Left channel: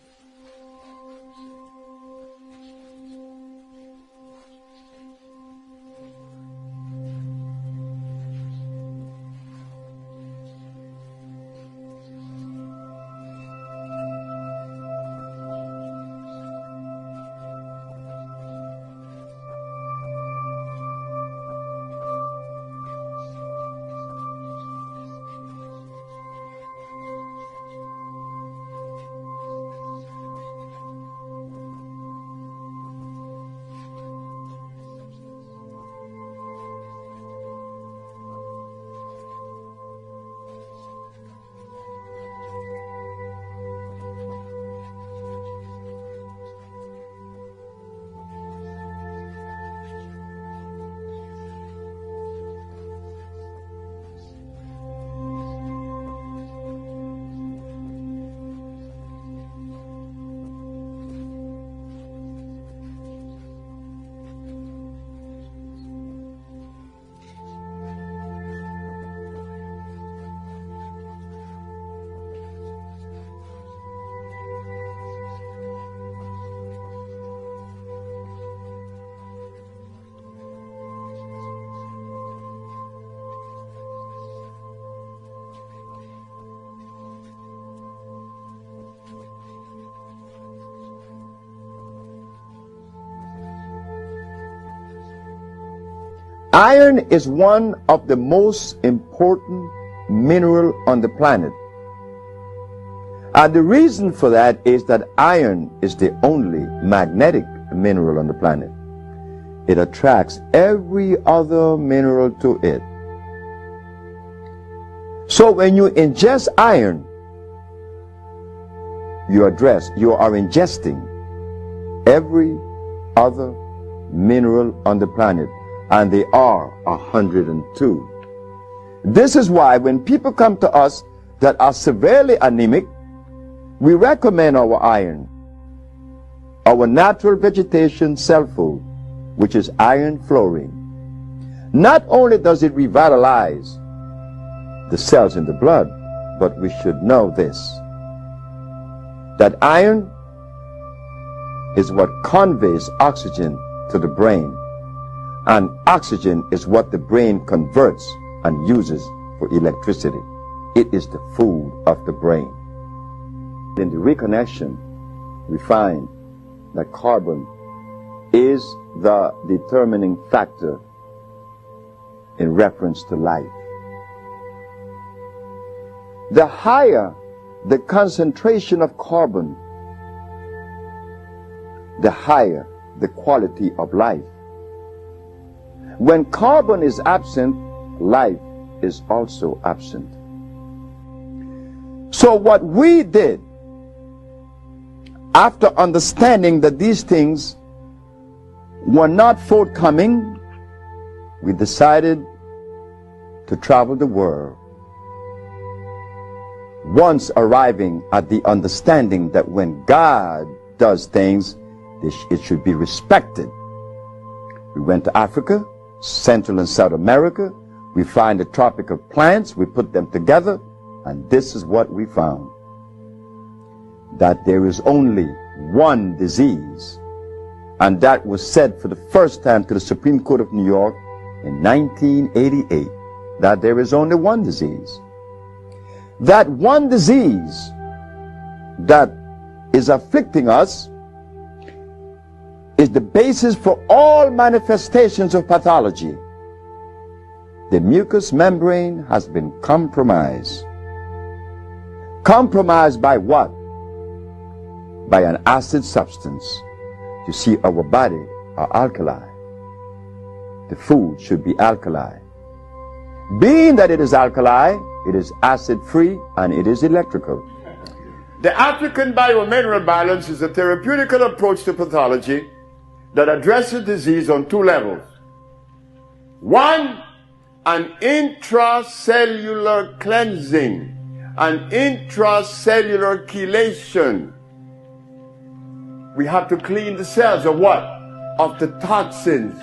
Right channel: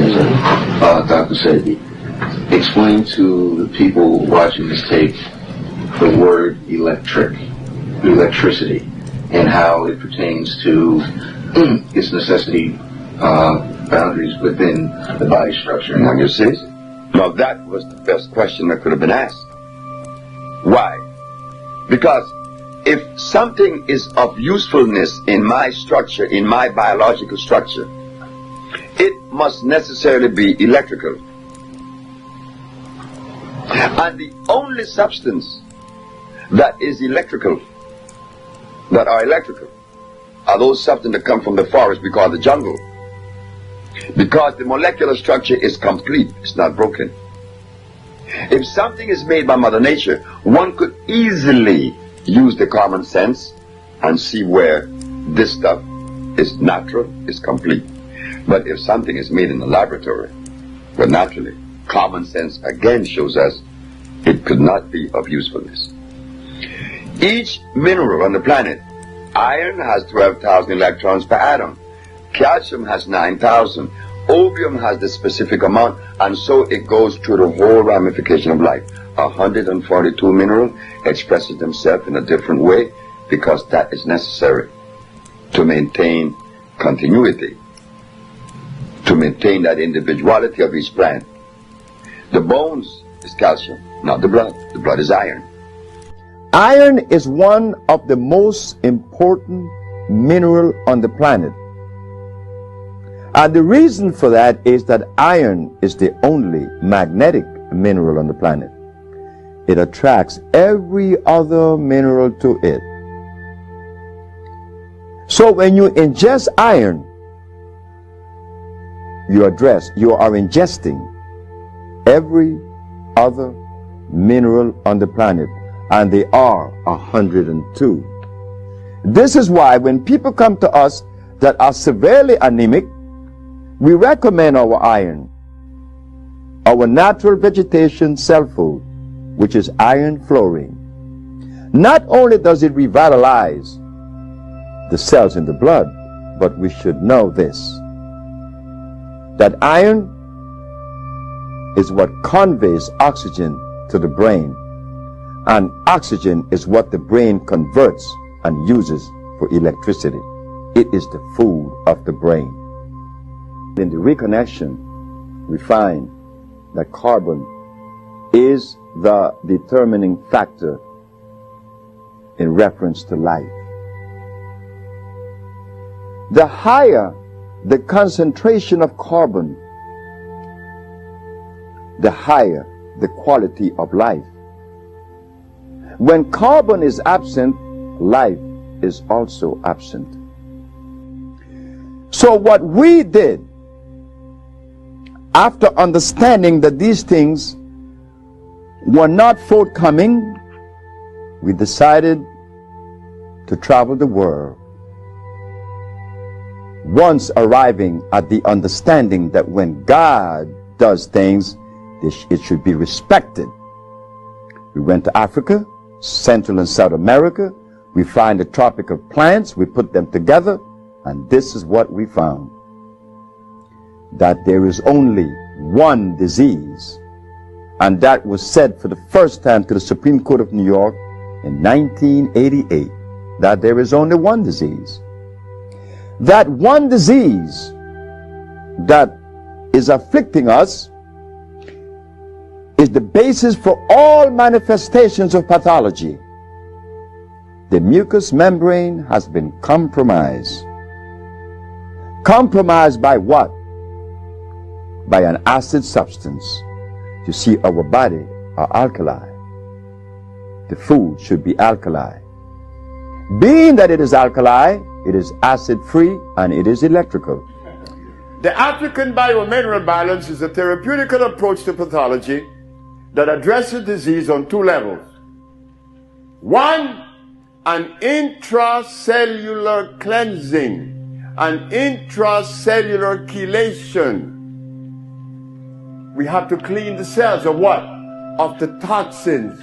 Yes, sir. Dr. Sebi, explain to the people watching this tape the word electricity, and how it pertains to its necessity boundaries within the body structure. Now you see? Now that was the best question that could have been asked. Why? Because if something is of usefulness in my structure, in my biological structure, it must necessarily be electrical. And the only substance that is electrical, that are electrical, are those substances that come from the forest we call the jungle. Because the molecular structure is complete, it's not broken. If something is made by Mother Nature, one could easily use the common sense and see where this stuff is natural, is complete. But if something is made in the laboratory, well, naturally, common sense again shows us it could not be of usefulness. Each mineral on the planet, iron has 12,000 electrons per atom, calcium has 9,000, opium has the specific amount, and so it goes through the whole ramification of life. 142 minerals expresses themselves in a different way because that is necessary to maintain continuity, to maintain that individuality of each plant. The bones is calcium, not the blood. The blood is iron. Iron is one of the most important mineral on the planet. And the reason for that is that iron is the only magnetic mineral on the planet. It attracts every other mineral to it. So when you ingest iron, you are ingesting every other mineral on the planet, and they are 102. This is why when people come to us that are severely anemic, we recommend our iron, our natural vegetation cell food, which is iron fluorine. Not only does it revitalize the cells in the blood, but we should know this, that iron is what conveys oxygen to the brain, and oxygen is what the brain converts and uses for electricity. It is the food of the brain. In the reconnection, we find that carbon is the determining factor in reference to life. The higher the concentration of carbon, the higher the quality of life. When carbon is absent, life is also absent. So what we did, after understanding that these things were not forthcoming, we decided to travel the world. Once arriving at the understanding that when God does things, it should be respected. We went to Africa, Central and South America. We find the tropical plants, we put them together, and this is what we found. That there is only one disease, and that was said for the first time to the Supreme Court of New York in 1988, that there is only one disease. That one disease that is afflicting us is the basis for all manifestations of pathology. The mucous membrane has been compromised. Compromised by what? By an acid substance. You see, our body are alkali. The food should be alkali. Being that it is alkali, it is acid-free and it is electrical. The African biomineral balance is a therapeutical approach to pathology that addresses disease on two levels. One, an intracellular cleansing, an intracellular chelation. We have to clean the cells of what? Of the toxins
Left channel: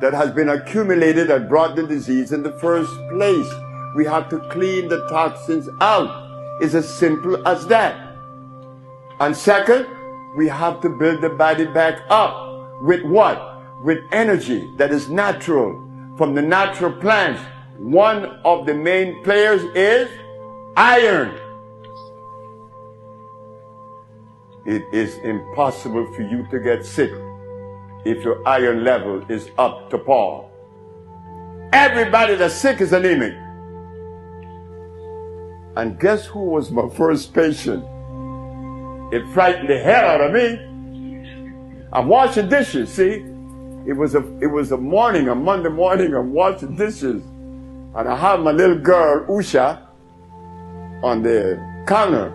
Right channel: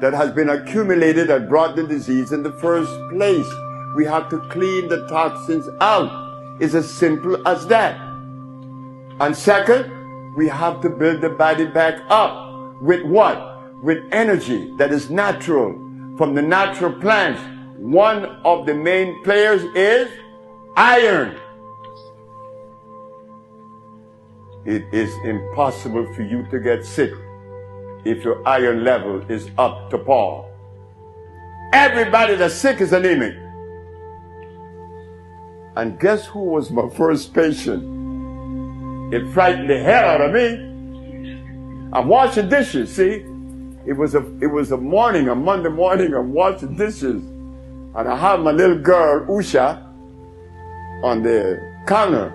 that has been accumulated that brought the disease in the first place. We have to clean the toxins out. It's as simple as that. And second, we have to build the body back up. With what? With energy that is natural, from the natural plants. One of the main players is iron. It is impossible for you to get sick if your iron level is up to par. Everybody that's sick is anemic. And guess who was my first patient? It frightened the hell out of me. I'm washing dishes, see? It was a morning, a Monday morning, I'm washing dishes. And I have my little girl, Usha, on the counter.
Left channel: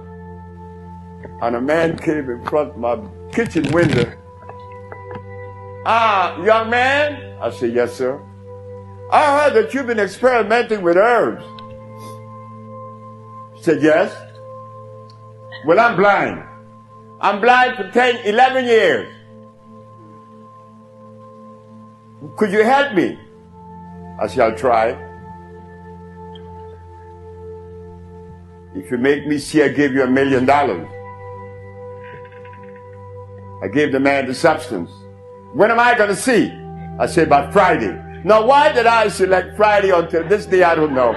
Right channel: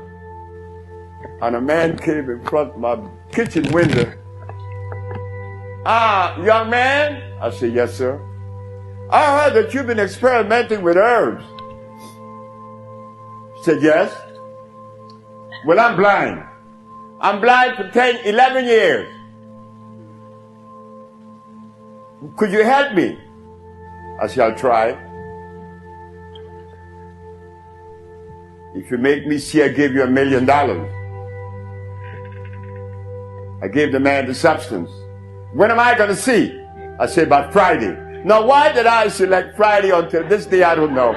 And a man came in front of my kitchen window. Young man? I said, yes, sir. I heard that you've been experimenting with herbs. He said, yes. Well, I'm blind. I'm blind for 10, 11 years. Could you help me? I said, I'll try. If you make me see, I give you $1 million. I gave the man the substance. When am I going to see? I said, by Friday. Now, why did I select Friday until this day? I don't know.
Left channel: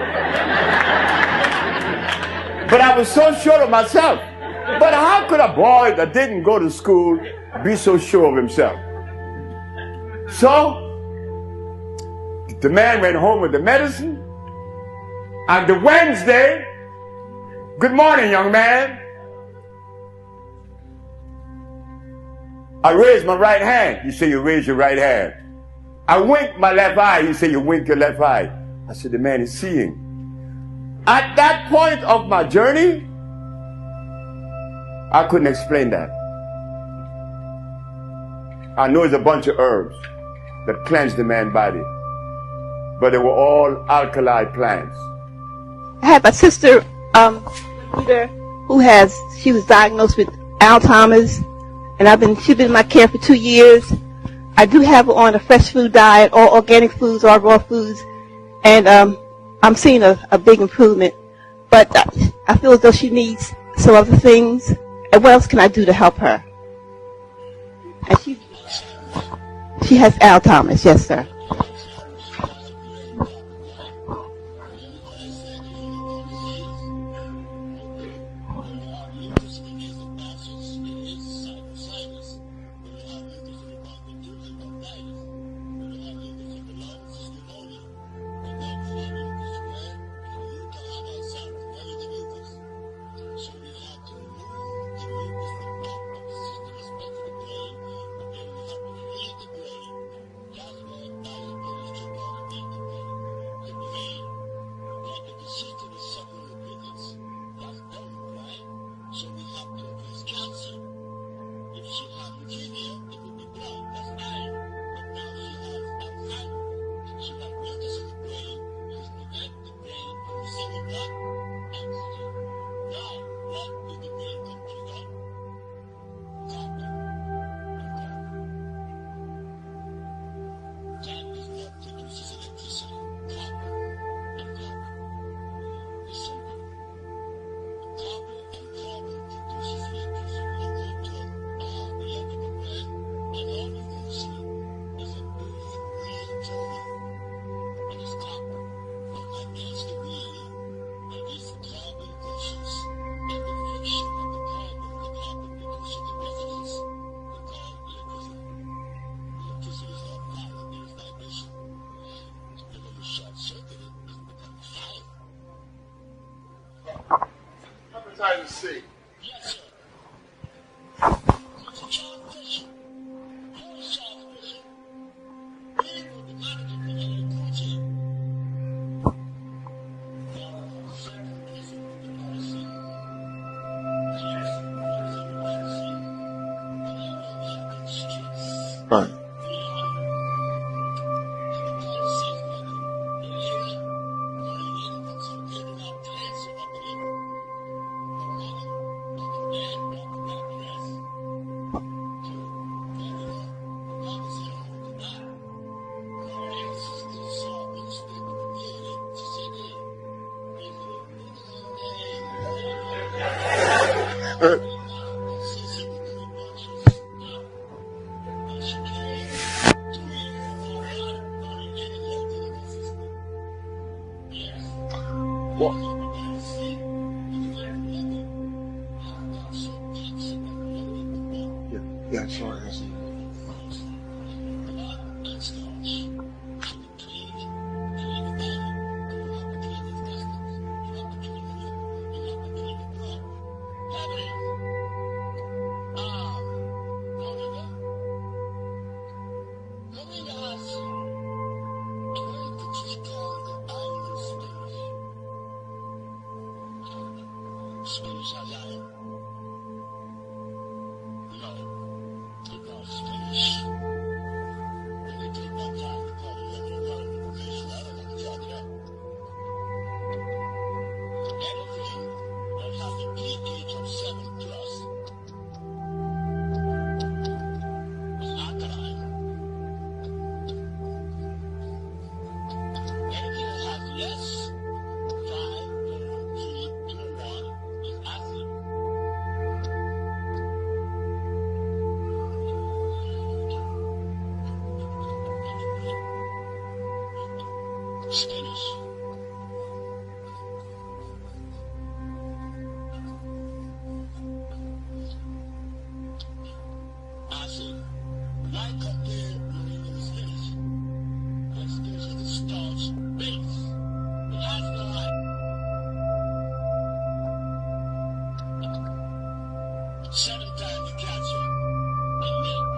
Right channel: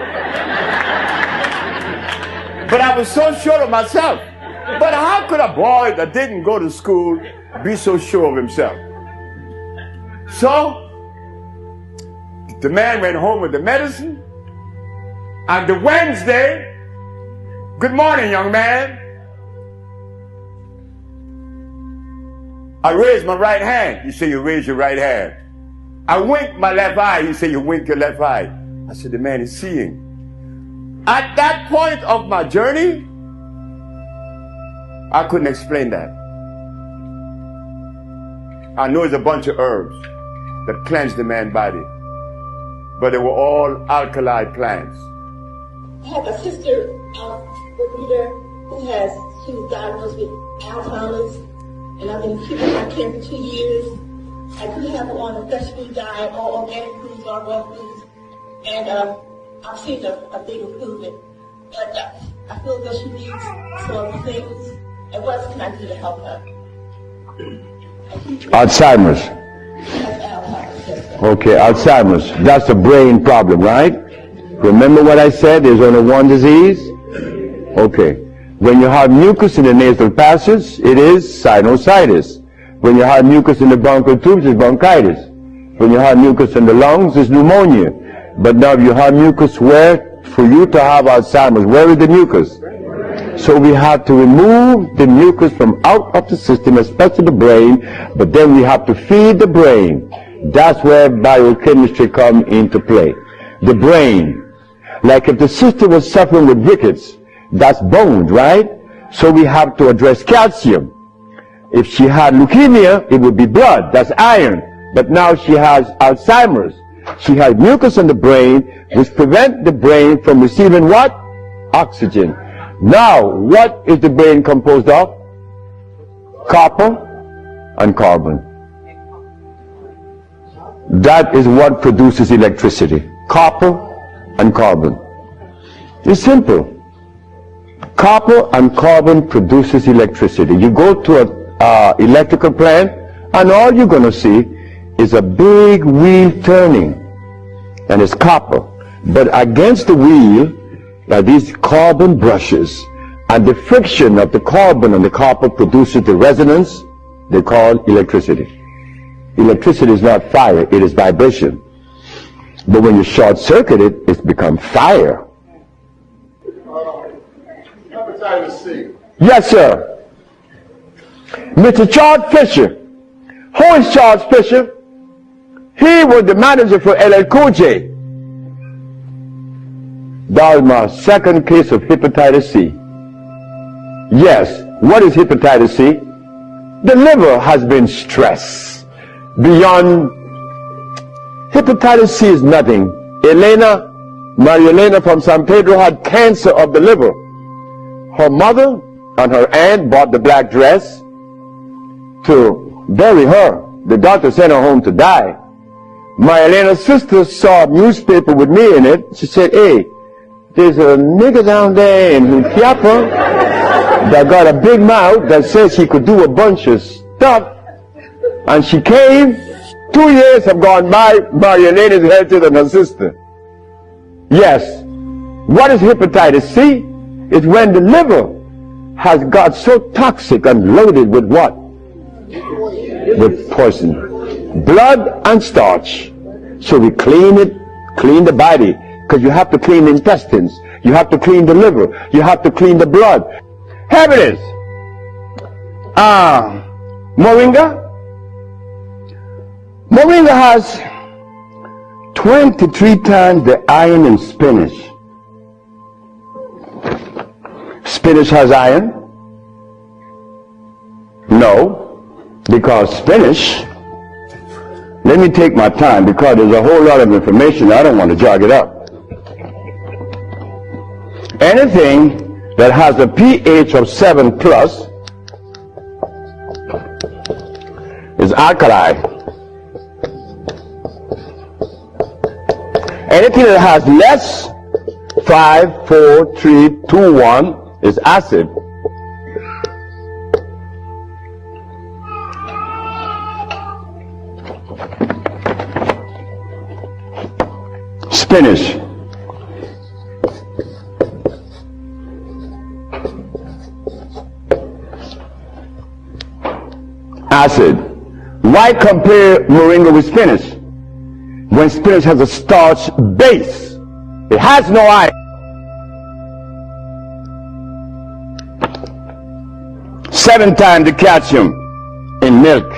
But I was so sure of myself. But how could a boy that didn't go to school be so sure of himself? So, the man went home with the medicine. And the Wednesday, good morning, young man. I raised my right hand. You say you raise your right hand. I winked my left eye. You say you wink your left eye. I said the man is seeing. At that point of my journey, I couldn't explain that. I know it's a bunch of herbs that cleanse the man's body, but they were all alkaline plants. I have a sister, she was diagnosed with Alzheimer's, and she's been in my care for 2 years. I do have her on a fresh food diet, all organic foods, all raw foods, and I'm seeing a big improvement. But I feel as though she needs some other things. And what else can I do to help her? Alzheimer's. She has Alzheimer's, yes, sir. Okay, Alzheimer's. That's a brain problem, right? Remember what I said? There's only one disease? Okay. When you have mucus in the nasal passage, it is sinusitis. When you have mucus in the bronchial tubes, it's bronchitis. When you have mucus in the lungs, it's pneumonia. But now you have mucus where, for you to have Alzheimer's, where is the mucus? So we have to remove the mucus from out of the system, especially the brain, but then we have to feed the brain. That's where biochemistry comes into play. The brain. Like if the sister was suffering with rickets, that's bones, right? So we have to address calcium. If she had leukemia, it would be blood, that's iron. But now she has Alzheimer's. She has mucus in the brain, which prevents the brain from receiving what? Oxygen. Now, what is the brain composed of? Copper and carbon. That is what produces electricity. Copper and carbon. It's simple. Copper and carbon produces electricity. You go to an electrical plant, and all you're going to see is a big wheel turning, and it's copper. But against the wheel are these carbon brushes, and the friction of the carbon and the copper produces the resonance they call electricity. Electricity is not fire, it is vibration. But when you short circuit it, it's become fire. Yes, sir. Mr. Charles Fisher. Who is Charles Fisher? He was the manager for LL Cool J. That was my second case of hepatitis C. Yes, what is hepatitis C? The liver has been stressed beyond. Hepatitis C is nothing. Maria Elena from San Pedro had cancer of the liver. Her mother and her aunt bought the black dress to bury her. The doctor sent her home to die. My Elena's sister saw a newspaper with me in it. She said, hey, there's a nigger down there in Chiapa that got a big mouth that says she could do a bunch of stuff, and she came. 2 years have gone by, Marionette is healthier than her sister. Yes. What is hepatitis C? It's when the liver has got so toxic and loaded with what? With poison. Blood and starch. So we clean it, clean the body, because you have to clean the intestines, you have to clean the liver, you have to clean the blood. Here it is. Moringa. Moringa has 23 times the iron in spinach. Spinach has iron? No, because spinach, let me take my time because there's a whole lot of information. I don't want to jog it up. Anything that has a pH of 7 plus is alkaline. Anything that has less 5, 4, 3, 2, 1 is acid. Spinach. Acid. Why compare moringa with spinach? When spinach has a starch base, it has no iron. 7 times the calcium in milk.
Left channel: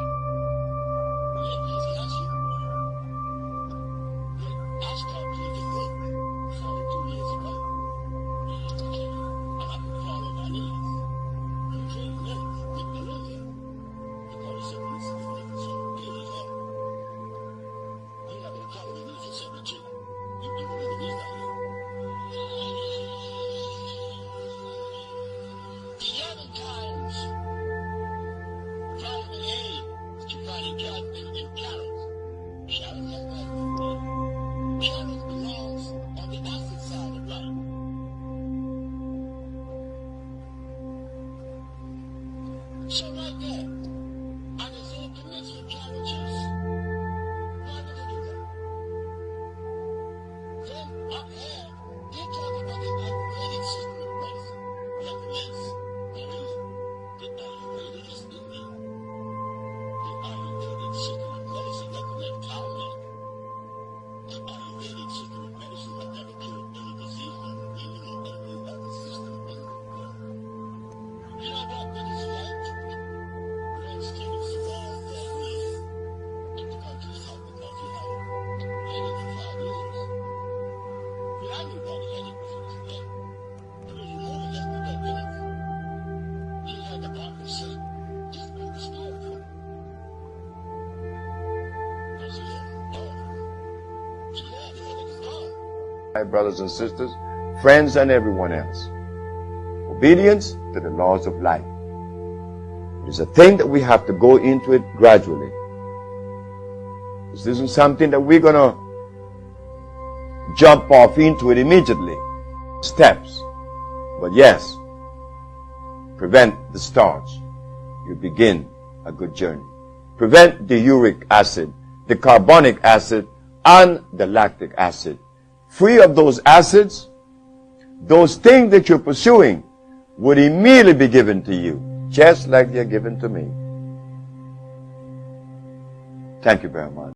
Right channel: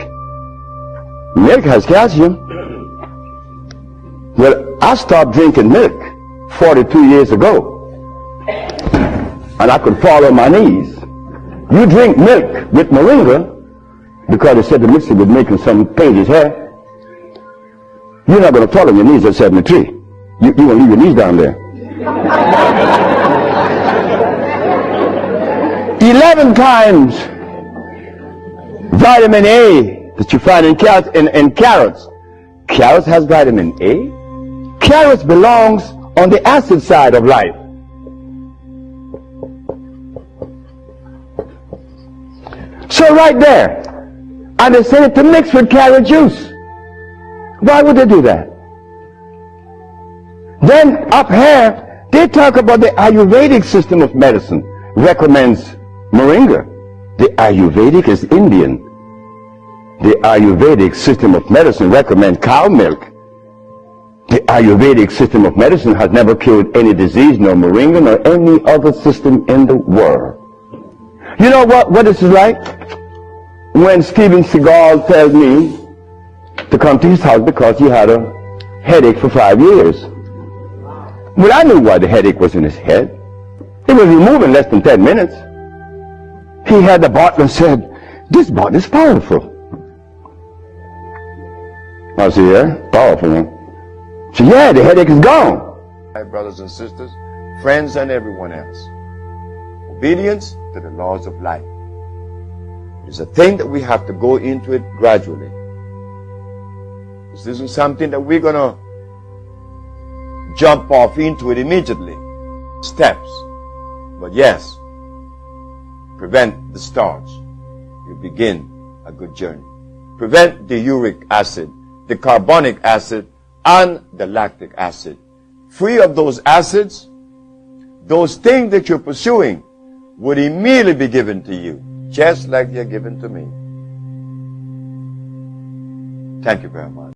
Milk has calcium. Well, I stopped drinking milk 42 years ago, and I could fall on my knees. You drink milk with moringa because they said the mixture would make some pain his hair. You're not going to fall on your knees at 73. You're going to leave your knees down there. 11 times vitamin A that you find in carrots. Carrots has vitamin A. Carrots belongs on the acid side of life. So right there, and they said to mix with carrot juice. Why would they do that? Then up here, they talk about the Ayurvedic system of medicine recommends moringa. The Ayurvedic is Indian. The Ayurvedic system of medicine recommends cow milk. The Ayurvedic system of medicine has never cured any disease, nor moringa, nor any other system in the world. You know what this is like? When Steven Seagal tells me to come to his house because he had a headache for 5 years. Well, I knew why the headache was in his head. It was removed in less than 10 minutes. He had the bottle and said, "This bottle is powerful." I said, "Yeah, powerful, huh?" He said, "Yeah, the headache is gone." My brothers and sisters, friends and everyone else, obedience to the laws of life. It is a thing that we have to go into it gradually. This isn't something that we're going to jump off into it immediately. Steps. But yes, prevent the starch. You begin a good journey. Prevent the uric acid, the carbonic acid, and the lactic acid. Free of those acids, those things that you're pursuing would immediately be given to you, just like they're given to me. Thank you very much.